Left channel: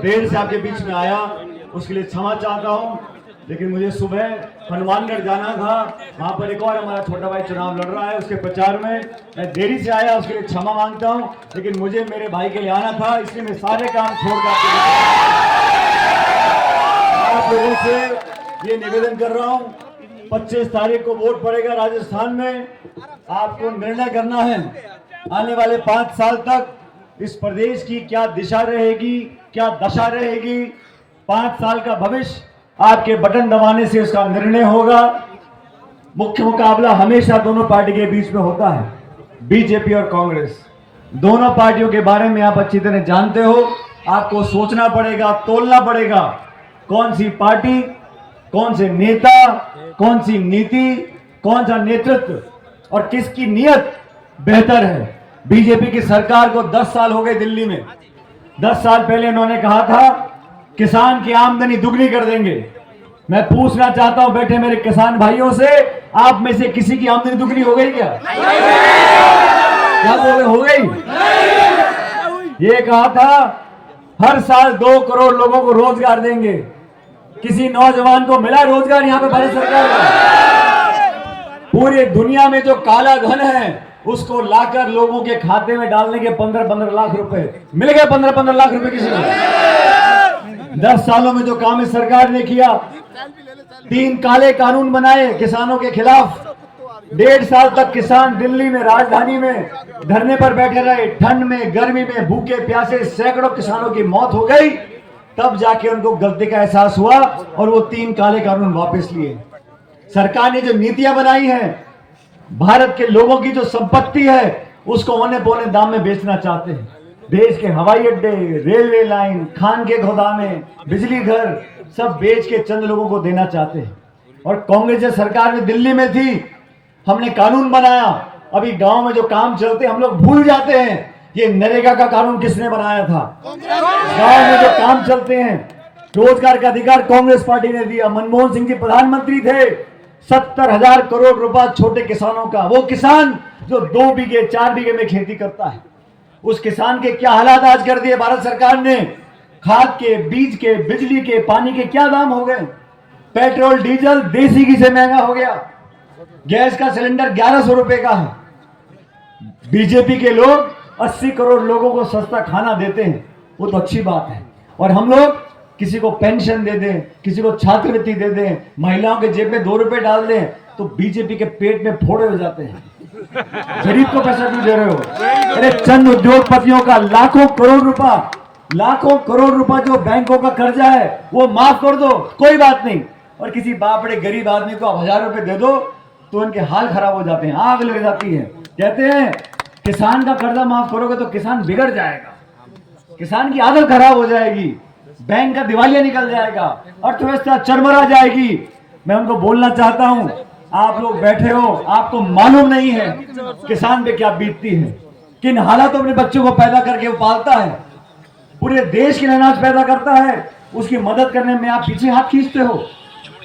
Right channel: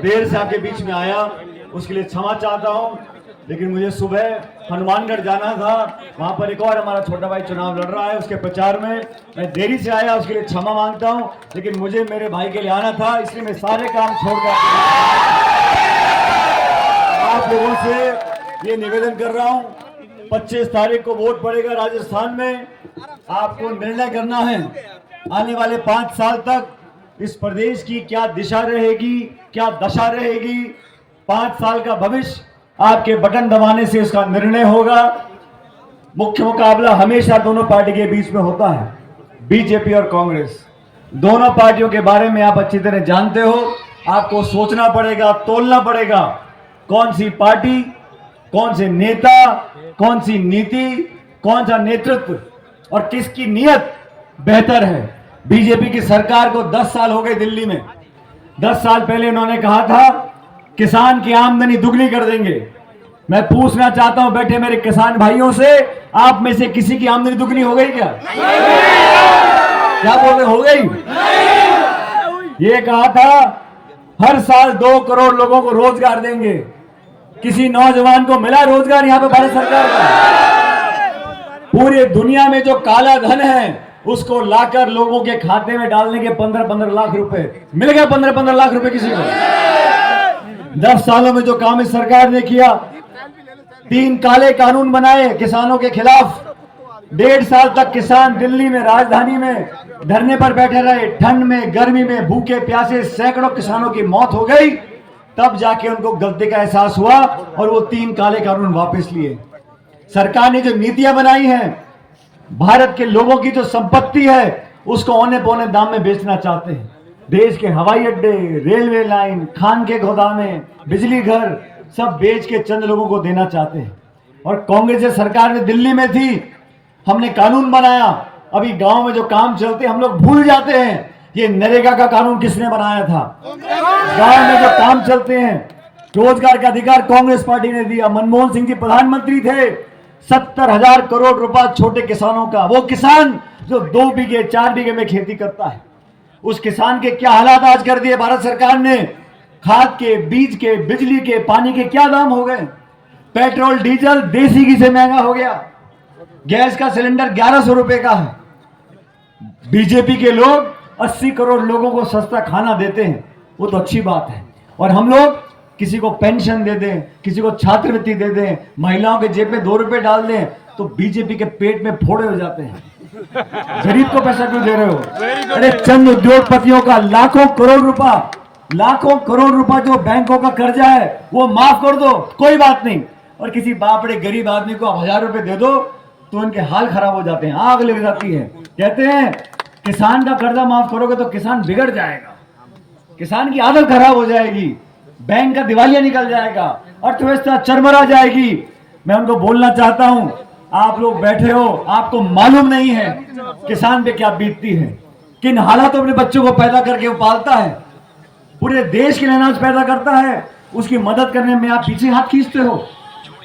देर से आपके बीच में आया उसके लिए क्षमा चाहता हूँ, लेकिन मुझे सुबह हनुमानगढ़ जाना था। वहां पर एक और हमारा छोटा भाई चुनाव लड़ रहा है, उसके प्रचार में मैं देरी से आया, उसके लिए क्षमा मांगता हूँ। लेकिन मुझे मेरे भाई के लिए आना था, इसलिए मैं सारे काम छोड़कर आप लोगों से ये निवेदन कर रहा हूँ। 25 तारीख को वोट पड़ेगा राजस्थान में। आपको निर्णय करना है आने वाले 5 साल तक इस प्रदेश की क्या दिशा रहेगी, क्या दशा रहेगी। 5 साल का भविष्य आपके बटन दबाने से उसका निर्णय होगा। मुख्य मुकाबला हमेशा दोनों पार्टी के बीच में होता है, बीजेपी और कांग्रेस। दोनों पार्टियों के बारे में आप अच्छी तरह जानते हो। आपको सोचना पड़ेगा, तोलना पड़ेगा, कौन सी पार्टी, कौन से नेता, कौन सी नीति, कौन सा नेतृत्व और किसकी नीयत बेहतर है। बीजेपी की सरकार को 10 साल हो गए दिल्ली में। 10 साल पहले उन्होंने कहा था किसान की आमदनी दुगनी कर देंगे। मैं पूछना चाहता हूं बैठे मेरे किसान भाइयों से, आप में से किसी की आमदनी दुगनी हो गई क्या? क्या बोले, हो गई? ये कहा था हर साल 2 करोड़ लोगों को रोजगार देंगे। किसी नौजवान को मिला रोजगार यहाँ पे भारत सरकार का? पूरी दुनिया में जो काला धन है उसको लाकर लोगों के खाते में डालने के 15-15 लाख रुपए मिल गए। 15-15 लाख रुपए किसी को? 10 सालों में जो काम इस सरकार ने किया, 3 काले कानून बनाए किसानों के खिलाफ। 1.5 साल तक किसान दिल्ली में, राजधानी में धरने पर बैठे रहे। ठंड में, गर्मी में, भूखे प्यासे सैकड़ों किसानों की मौत हो गई। तब जाके उनको गलती का एहसास हुआ और वो 3 काले कानून वापस लिए। सरकार ने जो नीतियां बनाई हैं, भारत के लोगों की जो संपत्ति है उसको औने पौने दाम में बेचना चाहते हैं। देश के हवाई अड्डे, रेलवे लाइन, खान के गोदामे, बिजली घर सब बेच के चंद लोगों को देना चाहते हैं। और कांग्रेस सरकार में दिल्ली में थी, हमने कानून बनाया। अभी गांव में जो काम चलते हम लोग भूल जाते हैं ये नरेगा का कानून किसने बनाया था। गांव में जो काम चलते हैं, रोजगार का अधिकार कांग्रेस पार्टी ने दिया। मनमोहन सिंह जी प्रधानमंत्री थे। 70,000 करोड़ रुपया छोटे किसानों का, वो किसान जो 2 बीघे 4 बीघे में खेती करता है, उस किसान के क्या हालात आज कर दिए भारत सरकार ने। खाद के, बीज के, बिजली के, पानी के क्या दाम हो गए। पेट्रोल डीजल देसी घी से महंगा हो गया। गैस का सिलेंडर 1100 रुपए का है। बीजेपी के लोग 80 करोड़ लोगों को सस्ता खाना देते हैं, वो तो अच्छी बात है। और हम लोग किसी को पेंशन दे दें, किसी को छात्रवृत्ति दे दें, महिलाओं के जेब में 2 रुपए डाल दें तो बीजेपी के पेट में फोड़े हो जाते हैं। गरीब को पैसा क्यों दे रहे हो? अरे चंद उद्योगपतियों का लाखों करोड़ रुपया जो बैंकों का कर्जा है वो माफ कर दो, कोई बात नहीं। और किसी बापड़े गरीब आदमी को 1000 रुपए दे दो तो उनके हाल खराब हो जाते हैं, आग लग जाती है। कहते हैं किसान का कर्जा माफ करोगे तो किसान बिगड़ जाएगा, किसान की आदत खराब हो जाएगी, बैंक का दिवालिया निकल जाएगा, अर्थव्यवस्था चरमरा जाएगी। मैं उनको बोलना चाहता हूं, आप लोग बैठे हो, आपको मालूम नहीं है किसान पे क्या बीतती है, किन हालातों में बच्चों को पैदा करके वो पालता है, पूरे देश के लिए अनाज पैदा करता है। उसकी मदद करने में आप पीछे हाथ खींचते हो।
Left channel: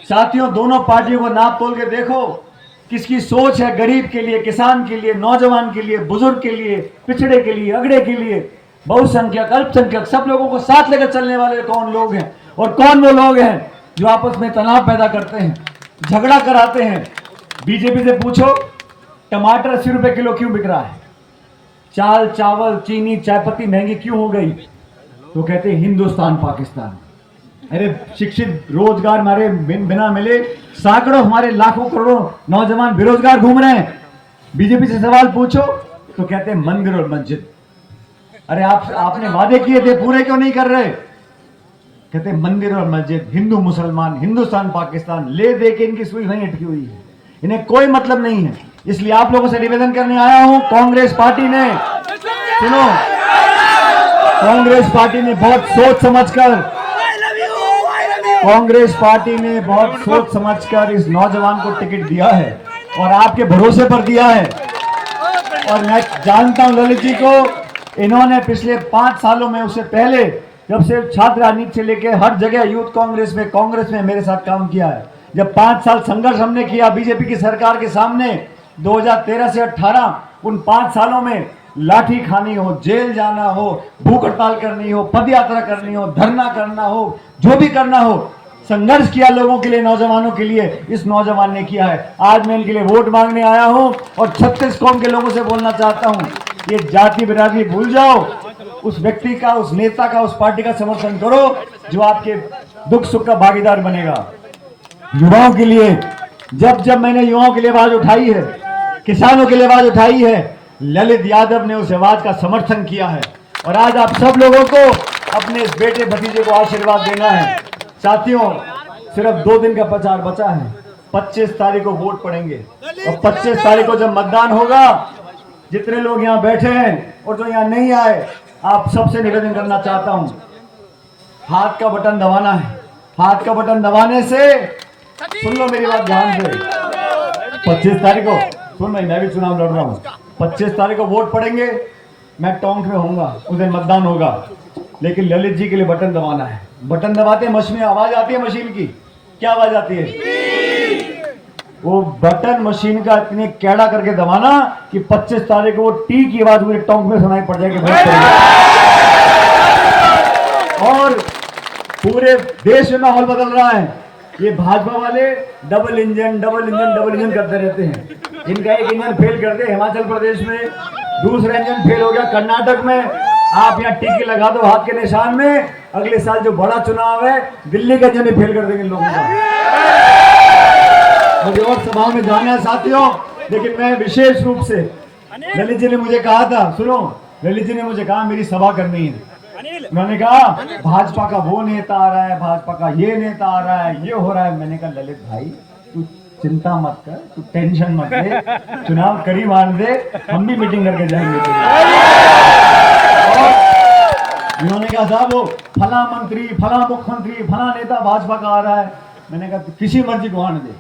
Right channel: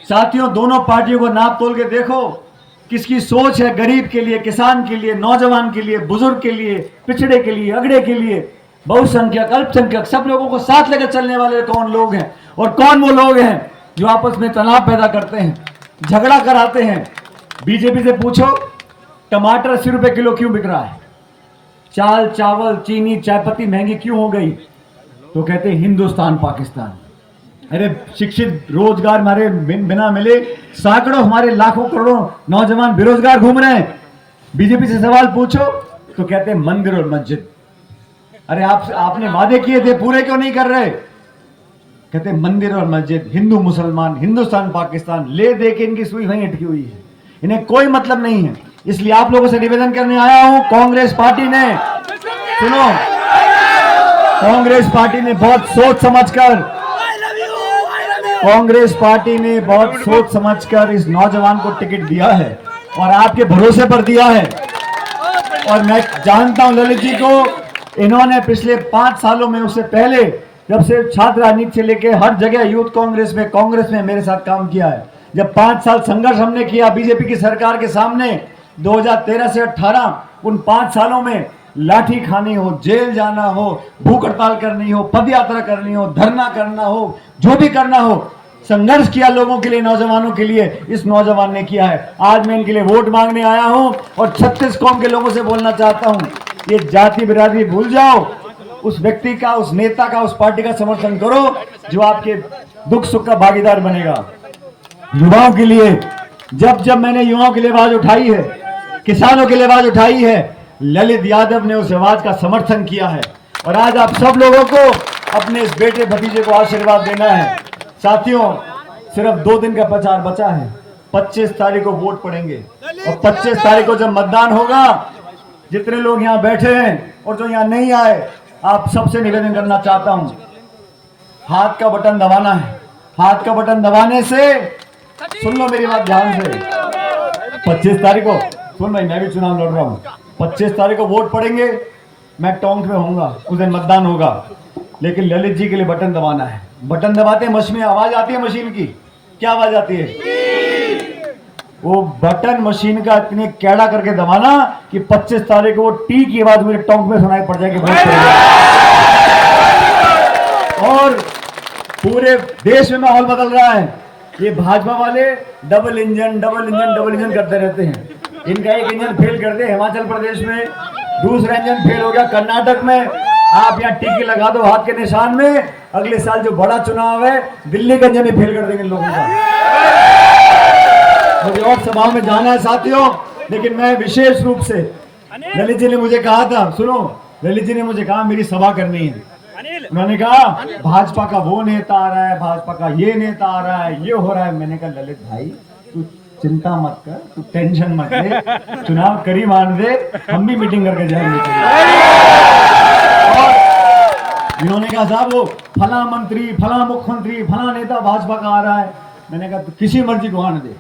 साथियों, दोनों पार्टियों को नाप तोल के देखो, किसकी सोच है गरीब के लिए, किसान के लिए, नौजवान के लिए, बुजुर्ग के लिए, पिछड़े के लिए, अगड़े के लिए, बहुसंख्यक, अल्पसंख्यक, सब लोगों को साथ लेकर चलने वाले कौन लोग हैं और कौन वो लोग हैं जो आपस में तनाव पैदा करते हैं, झगड़ा कराते हैं। बीजेपी से पूछो टमाटर 80 रुपए किलो क्यों बिक रहा है, चाल, चावल, चीनी, चायपत्ती महंगी क्यों हो गई, तो कहते हैं हिंदुस्तान पाकिस्तान। अरे शिक्षित, रोजगार हमारे बिना मिले सैकड़ों, हमारे लाखों करोड़ों नौजवान बेरोजगार घूम रहे हैं। बीजेपी से सवाल पूछो तो कहते हैं मंदिर और मस्जिद। अरे आपने वादे किए थे, पूरे क्यों नहीं कर रहे? कहते मंदिर और मस्जिद, हिंदू मुसलमान, हिंदुस्तान पाकिस्तान, ले दे के इनकी सुई वहीं अटकी हुई है, इन्हें कोई मतलब नहीं है। इसलिए आप लोगों से निवेदन करने आया हूं, कांग्रेस पार्टी ने, सुनो, कांग्रेस पार्टी ने बहुत सोच समझकर इस नौजवान को टिकट दिया है और आपके भरोसे पर दिया है। और मैं जानता हूं ललित जी को, इन्होंने पिछले 5 सालों में, उससे पहले जब से छात्र राजनीति से लेकर हर जगह यूथ कांग्रेस में मेरे साथ काम किया है। जब 5 साल संघर्ष हमने किया बीजेपी की सरकार के सामने 2013 से 18, उन 5 सालों में लाठी खानी हो, जेल जाना हो, भूख हड़ताल करनी हो, पद यात्रा करनी हो, धरना करना हो, जो भी करना हो, संघर्ष किया लोगों के लिए, नौजवानों के लिए, इस नौजवान ने किया है। आज मैं इनके लिए वोट मांगने आया हूं और 36 कौम के लोगों से बोलना चाहता हूं, ये जाति बिरादरी भूल जाओ, उस व्यक्ति का, उस नेता का, उस पार्टी का समर्थन करो जो आपके दुख सुख का भागीदार बनेगा। युवाओं के लिए जब मैंने युवाओं के लिए आवाज उठाई है, किसानों के लिए आवाज उठाई है, ललित यादव ने उस आवाज का समर्थन किया है। और आज आप सब लोगों को अपने इस बेटे भतीजे को आशीर्वाद देना है। साथियों, सिर्फ 2 दिन का प्रचार बचा है। 25 तारीख को वोट पड़ेंगे और 25 तारीख को जब मतदान होगा, जितने लोग यहाँ बैठे हैं और जो यहाँ नहीं आए, आप सबसे निवेदन करना चाहता हूँ, हाथ का बटन दबाना है। हाथ का बटन दबाने से, सुन लो मेरी बात ध्यान से, 25 तारीख को, सुन भाई, मैं भी चुनाव लड़ रहा हूँ, 25 तारीख को वोट पड़ेंगे, मैं टोंक में होऊंगा, उस दिन मतदान होगा, लेकिन ललित जी के लिए बटन दबाना है। बटन दबाते मशीन में आवाज आती है, मशीन की क्या आवाज आती है? वो बटन मशीन का इतने कैड़ा करके दबाना कि 25 तारीख को वो टी की आवाज मेरे टोंक में सुनाई पड़ जाएगी। और पूरे देश में माहौल बदल रहा है। ये भाजपा वाले डबल इंजन करते रहते हैं। इनका एक इंजन फेल कर दे हिमाचल प्रदेश में, दूसरा इंजन फेल हो गया कर्नाटक में, आप यहाँ टीके लगा दो हाथ के निशान में, अगले साल जो बड़ा चुनाव है दिल्ली का इंजन फेल कर देंगे लोगों का। मुझे और सभा में जाना है साथियों, लेकिन मैं विशेष रूप से, ललित जी ने मुझे कहा था, सुनो, ललित जी ने मुझे कहा मेरी सभा करनी है। मैंने कहा भाजपा का वो नेता आ रहा है, भाजपा का ये नेता आ रहा है, ये हो रहा है। मैंने कहा ललित भाई तू चिंता मत कर, तू टेंशन मत ले, चुनाव करीब आने दे, हम भी मीटिंग करके जाएंगे। इन्होंने कहा साहब वो फला मंत्री, फला मुख्यमंत्री, फला नेता भाजपा का आ रहा है। मैंने कहा किसी मर्जी को आने दे,